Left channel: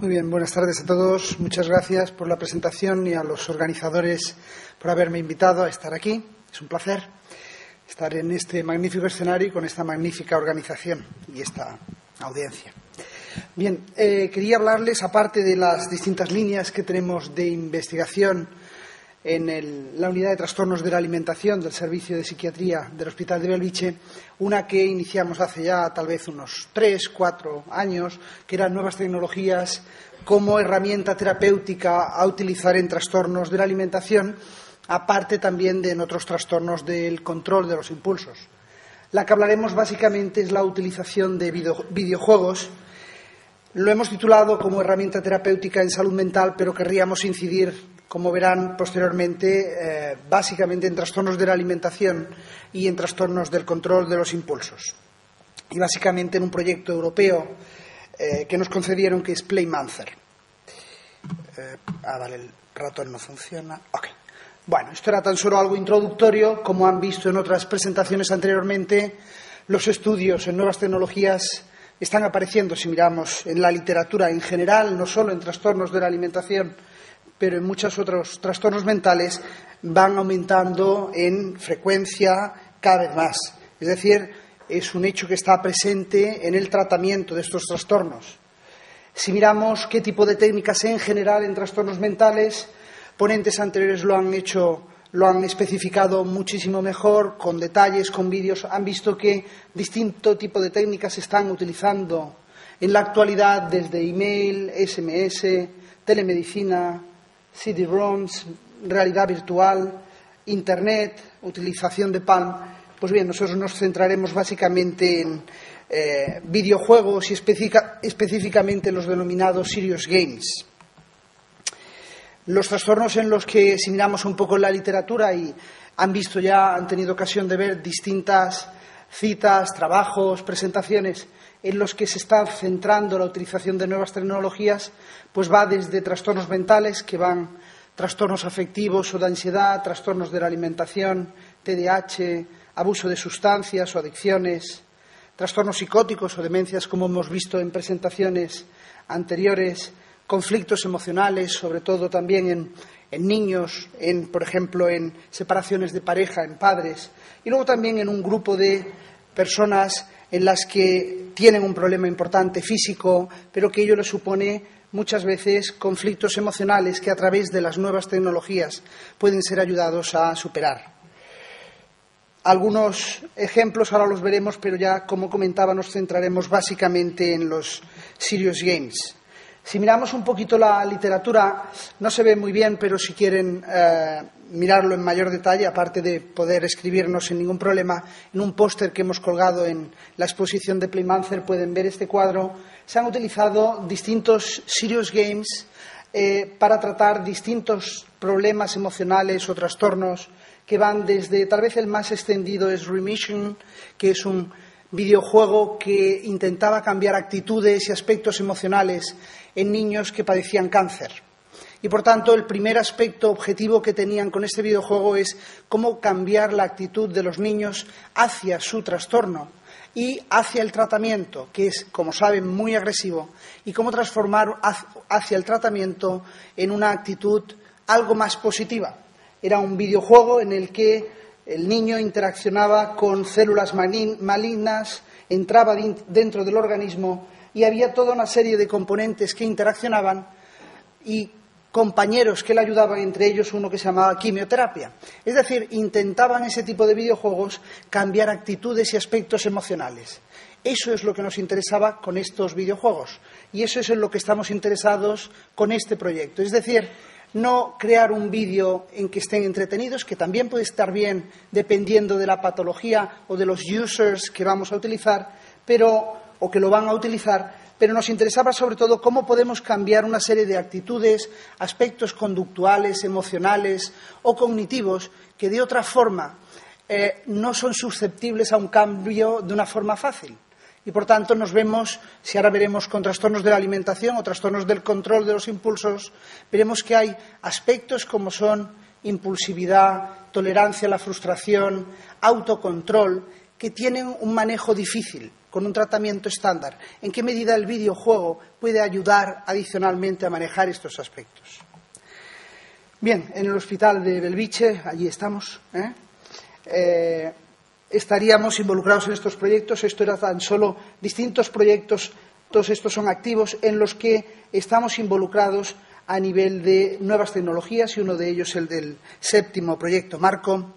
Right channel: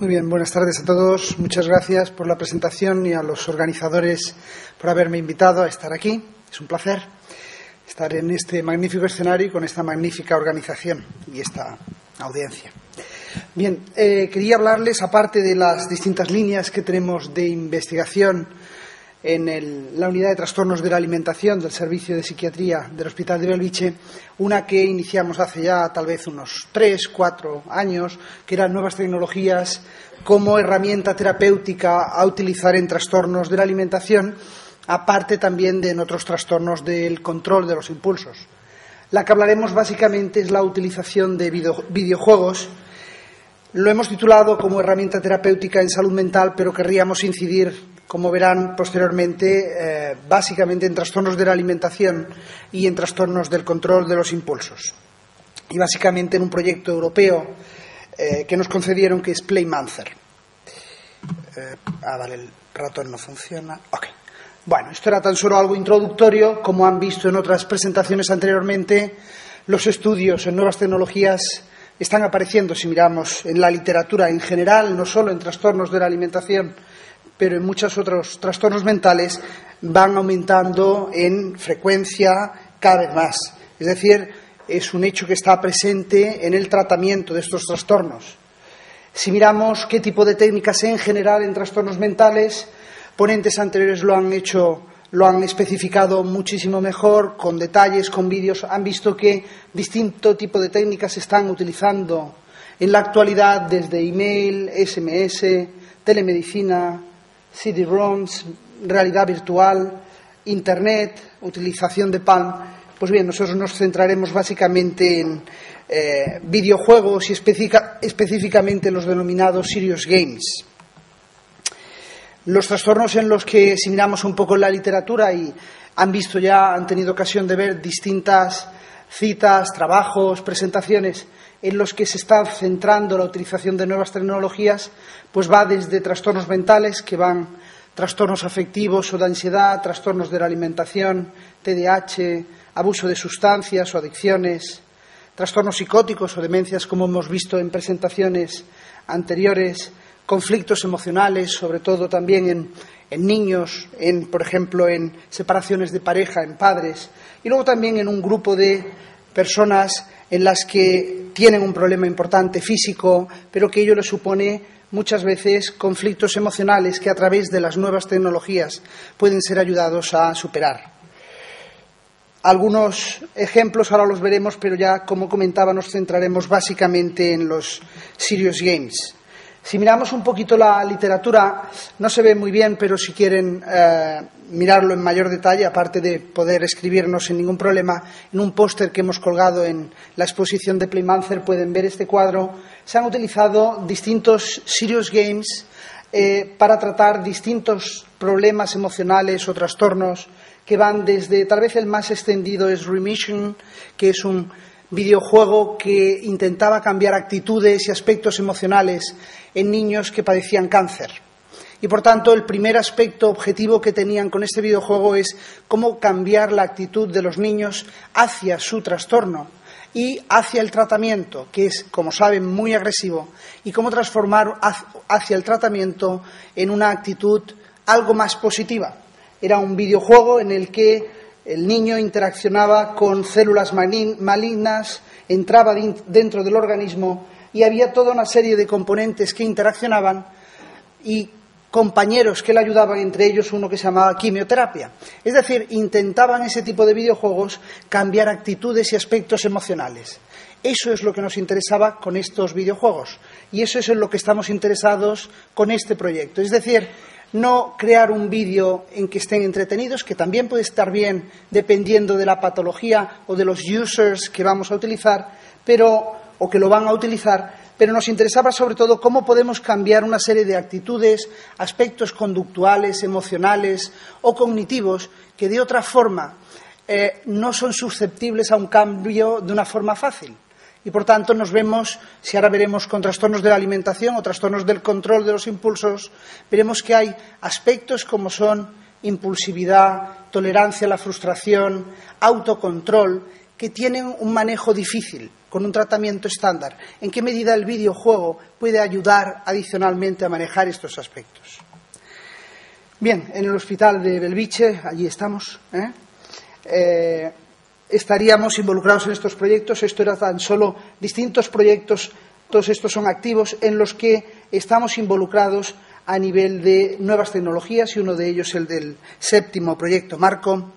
Muy bien, buenas tardes a todos. Muchas gracias por la presentación y a los organizadores por haberme invitado a estar aquí. Es un placer estar en este magnífico escenario y con esta magnífica organización y esta audiencia. Bien, quería hablarles, aparte de las distintas líneas que tenemos de investigación en la unidad de trastornos de la alimentación del Servicio de Psiquiatría del Hospital de Belviche, una que iniciamos hace ya tal vez unos 3 o 4 años, que eran nuevas tecnologías como herramienta terapéutica a utilizar en trastornos de la alimentación, aparte también de en otros trastornos del control de los impulsos. La que hablaremos básicamente es la utilización de videojuegos. Lo hemos titulado como herramienta terapéutica en salud mental, pero querríamos incidir, como verán posteriormente, básicamente en trastornos de la alimentación y en trastornos del control de los impulsos. Y básicamente en un proyecto europeo que nos concedieron, que es PlayMancer. Vale, el ratón no funciona. Ok. Bueno, esto era tan solo algo introductorio. Como han visto en otras presentaciones anteriormente, los estudios en nuevas tecnologías están apareciendo, si miramos en la literatura en general, no solo en trastornos de la alimentación, pero en muchos otros trastornos mentales, van aumentando en frecuencia cada vez más. Es decir, es un hecho que está presente en el tratamiento de estos trastornos. Si miramos qué tipo de técnicas en general en trastornos mentales, ponentes anteriores lo han especificado muchísimo mejor, con detalles, con vídeos. Han visto que distinto tipo de técnicas se están utilizando en la actualidad, desde email, SMS, telemedicina, CD-ROMs, realidad virtual, Internet, utilización de PAN. Pues bien, nosotros nos centraremos básicamente en videojuegos y específicamente los denominados serious games. Los trastornos en los que, si miramos un poco en la literatura y han tenido ocasión de ver distintas citas, trabajos, presentaciones en los que se está centrando la utilización de nuevas tecnologías, pues va desde trastornos mentales, que van trastornos afectivos o de ansiedad, trastornos de la alimentación, TDAH, abuso de sustancias o adicciones, trastornos psicóticos o demencias, como hemos visto en presentaciones anteriores, conflictos emocionales, sobre todo también en niños, por ejemplo, en separaciones de pareja, en padres, y luego también en un grupo de personas en las que tienen un problema importante físico, pero que ello les supone muchas veces conflictos emocionales que a través de las nuevas tecnologías pueden ser ayudados a superar. Algunos ejemplos ahora los veremos, pero ya, como comentaba, nos centraremos básicamente en los serious games. Si miramos un poquito la literatura, no se ve muy bien, pero si quieren mirarlo en mayor detalle, aparte de poder escribirnos sin ningún problema, en un póster que hemos colgado en la exposición de PlayMancer pueden ver este cuadro. Se han utilizado distintos serious games para tratar distintos problemas emocionales o trastornos que van desde, tal vez el más extendido es Remission, que es un videojuego que intentaba cambiar actitudes y aspectos emocionales en niños que padecían cáncer. Y, por tanto, el primer aspecto objetivo que tenían con este videojuego es cómo cambiar la actitud de los niños hacia su trastorno y hacia el tratamiento, que es, como saben, muy agresivo, y cómo transformar hacia el tratamiento en una actitud algo más positiva. Era un videojuego en el que el niño interaccionaba con células malignas, entraba dentro del organismo y había toda una serie de componentes que interaccionaban y compañeros que le ayudaban, entre ellos uno que se llamaba quimioterapia. Es decir, intentaban ese tipo de videojuegos cambiar actitudes y aspectos emocionales. Eso es lo que nos interesaba con estos videojuegos y eso es en lo que estamos interesados con este proyecto. Es decir, no crear un vídeo en que estén entretenidos, que también puede estar bien dependiendo de la patología o de los users que vamos a utilizar, o que lo van a utilizar, pero nos interesaba sobre todo cómo podemos cambiar una serie de actitudes, aspectos conductuales, emocionales o cognitivos que de otra forma no son susceptibles a un cambio de una forma fácil. Y, por tanto, nos vemos, si ahora veremos con trastornos de la alimentación o trastornos del control de los impulsos, veremos que hay aspectos como son impulsividad, tolerancia a la frustración, autocontrol, que tienen un manejo difícil con un tratamiento estándar, ¿en qué medida el videojuego puede ayudar adicionalmente a manejar estos aspectos? Bien, en el hospital de Belviche, allí estamos, estaríamos involucrados en estos proyectos. Esto era tan solo distintos proyectos, todos estos son activos, en los que estamos involucrados a nivel de nuevas tecnologías, y uno de ellos el del 7º proyecto Marco.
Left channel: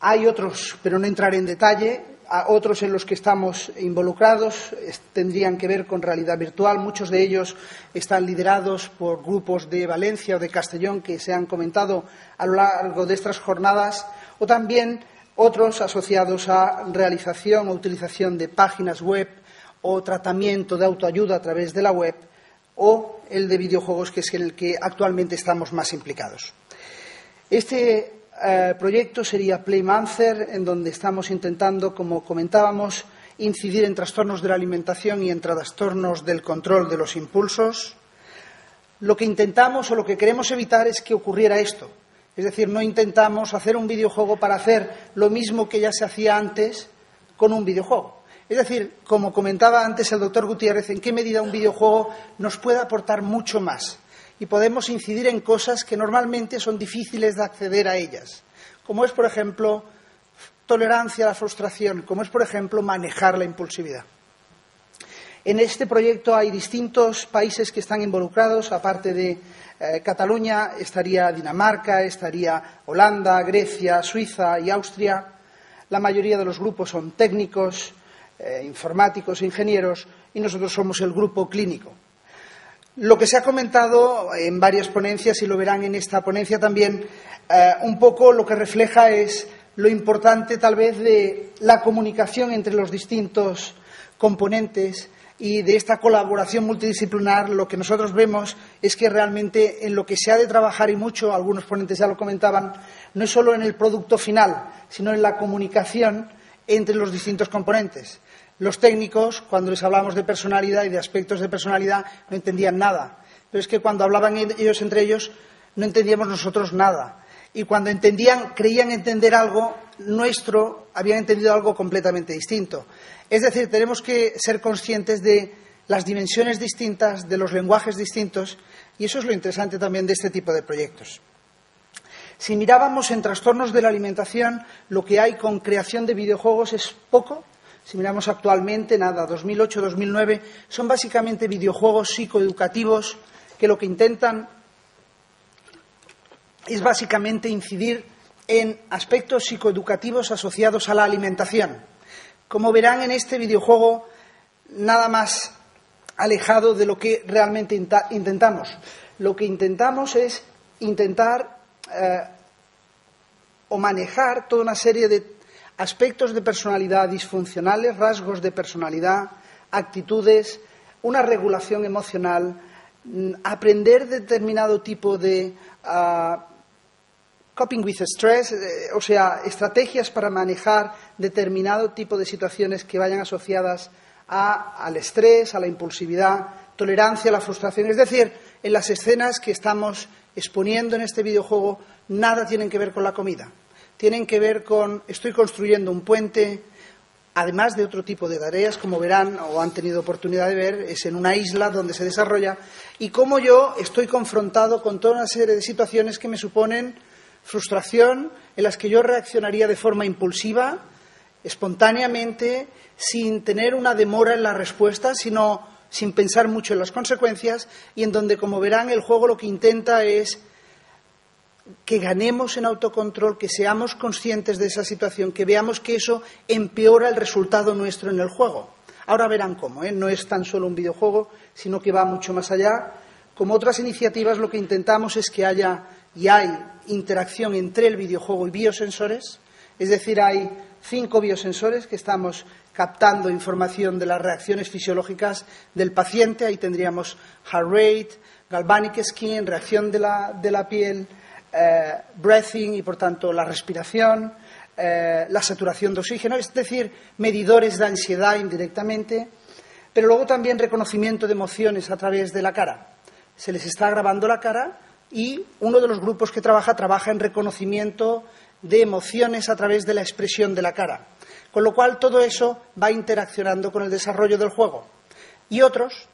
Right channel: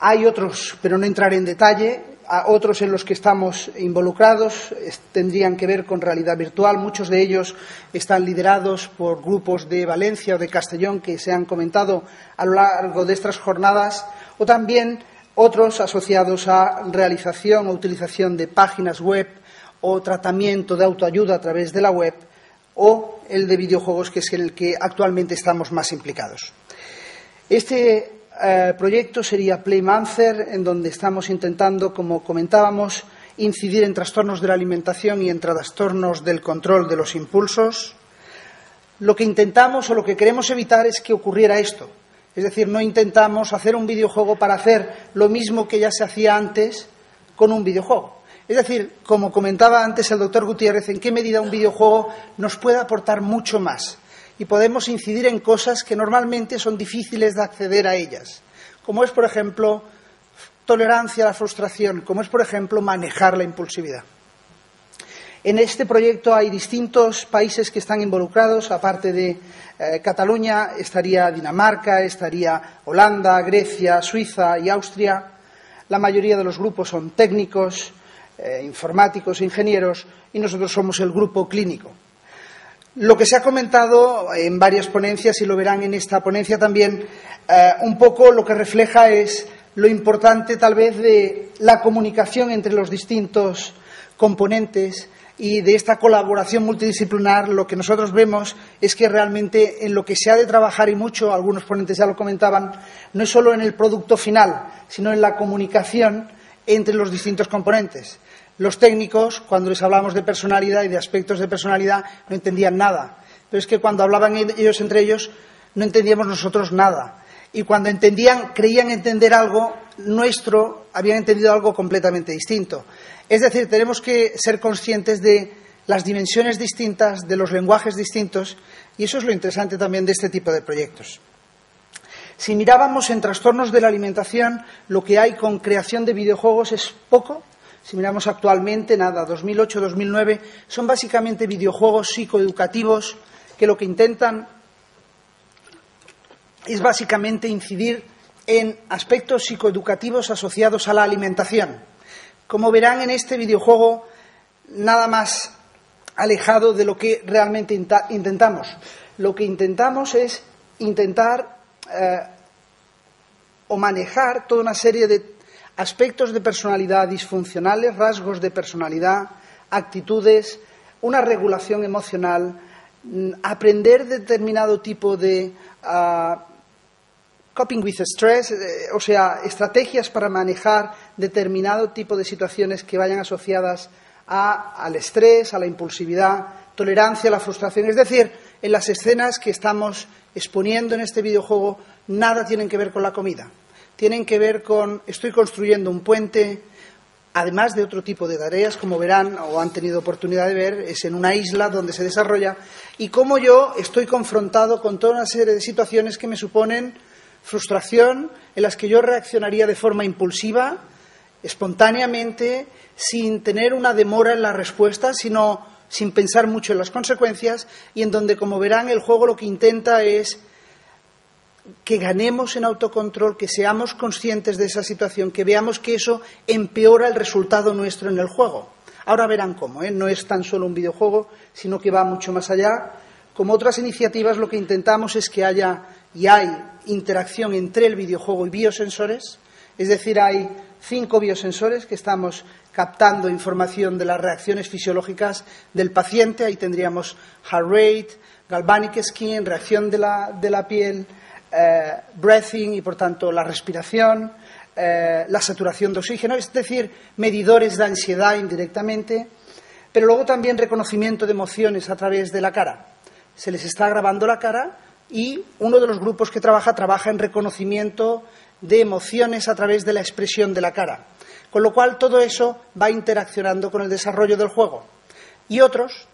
Hay otros, pero no entraré en detalle, otros en los que estamos involucrados tendrían que ver con realidad virtual. Muchos de ellos están liderados por grupos de Valencia o de Castellón que se han comentado a lo largo de estas jornadas, o también otros asociados a realización o utilización de páginas web o tratamiento de autoayuda a través de la web, o el de videojuegos, que es en el que actualmente estamos más implicados. Este proyecto sería Playmancer, en donde estamos intentando, como comentábamos, incidir en trastornos de la alimentación y en trastornos del control de los impulsos. Lo que intentamos o lo que queremos evitar es que ocurriera esto. Es decir, no intentamos hacer un videojuego para hacer lo mismo que ya se hacía antes con un videojuego. Es decir, como comentaba antes el doctor Gutiérrez, en qué medida un videojuego nos puede aportar mucho más. Y podemos incidir en cosas que normalmente son difíciles de acceder a ellas, como es, por ejemplo, tolerancia a la frustración, como es, por ejemplo, manejar la impulsividad. En este proyecto hay distintos países que están involucrados. Aparte de Cataluña, estaría Dinamarca, estaría Holanda, Grecia, Suiza y Austria. La mayoría de los grupos son técnicos, informáticos, ingenieros, y nosotros somos el grupo clínico. Lo que se ha comentado en varias ponencias, y lo verán en esta ponencia también, un poco lo que refleja es lo importante tal vez de la comunicación entre los distintos componentes y de esta colaboración multidisciplinar. Lo que nosotros vemos es que realmente en lo que se ha de trabajar, y mucho, algunos ponentes ya lo comentaban, no es solo en el producto final, sino en la comunicación entre los distintos componentes. Los técnicos, cuando les hablábamos de personalidad y de aspectos de personalidad, no entendían nada. Pero es que cuando hablaban ellos entre ellos, no entendíamos nosotros nada. Y cuando entendían, creían entender algo nuestro, habían entendido algo completamente distinto. Es decir, tenemos que ser conscientes de las dimensiones distintas, de los lenguajes distintos, y eso es lo interesante también de este tipo de proyectos. Si mirábamos en trastornos de la alimentación, lo que hay con creación de videojuegos es poco. Si miramos actualmente, nada, 2008-2009, son básicamente videojuegos psicoeducativos que lo que intentan es básicamente incidir en aspectos psicoeducativos asociados a la alimentación. Como verán en este videojuego, nada más alejado de lo que realmente intentamos. Lo que intentamos es intentar o manejar toda una serie de aspectos de personalidad disfuncionales, rasgos de personalidad, actitudes, una regulación emocional, aprender determinado tipo de coping with stress, o sea, estrategias para manejar determinado tipo de situaciones que vayan asociadas al estrés, a la impulsividad, tolerancia a la frustración. Es decir, en las escenas que estamos exponiendo en este videojuego, nada tienen que ver con la comida. Tienen que ver con, estoy construyendo un puente, además de otro tipo de tareas, como verán o han tenido oportunidad de ver, es en una isla donde se desarrolla, y cómo yo estoy confrontado con toda una serie de situaciones que me suponen frustración, en las que yo reaccionaría de forma impulsiva, espontáneamente, sin tener una demora en la respuesta, sino sin pensar mucho en las consecuencias, y en donde, como verán, el juego lo que intenta es que ganemos en autocontrol, que seamos conscientes de esa situación, que veamos que eso empeora el resultado nuestro en el juego. Ahora verán cómo, no es tan solo un videojuego, sino que va mucho más allá. Como otras iniciativas, lo que intentamos es que haya y hay interacción entre el videojuego y biosensores, es decir, hay 5 biosensores que estamos captando información de las reacciones fisiológicas del paciente. Ahí tendríamos heart rate, galvanic skin, reacción de la piel, breathing y, por tanto, la respiración, la saturación de oxígeno, es decir, medidores de ansiedad indirectamente, pero luego también reconocimiento de emociones a través de la cara. Se les está grabando la cara y uno de los grupos que trabaja en reconocimiento de emociones a través de la expresión de la cara. Con lo cual, todo eso va interaccionando con el desarrollo del juego. Y otros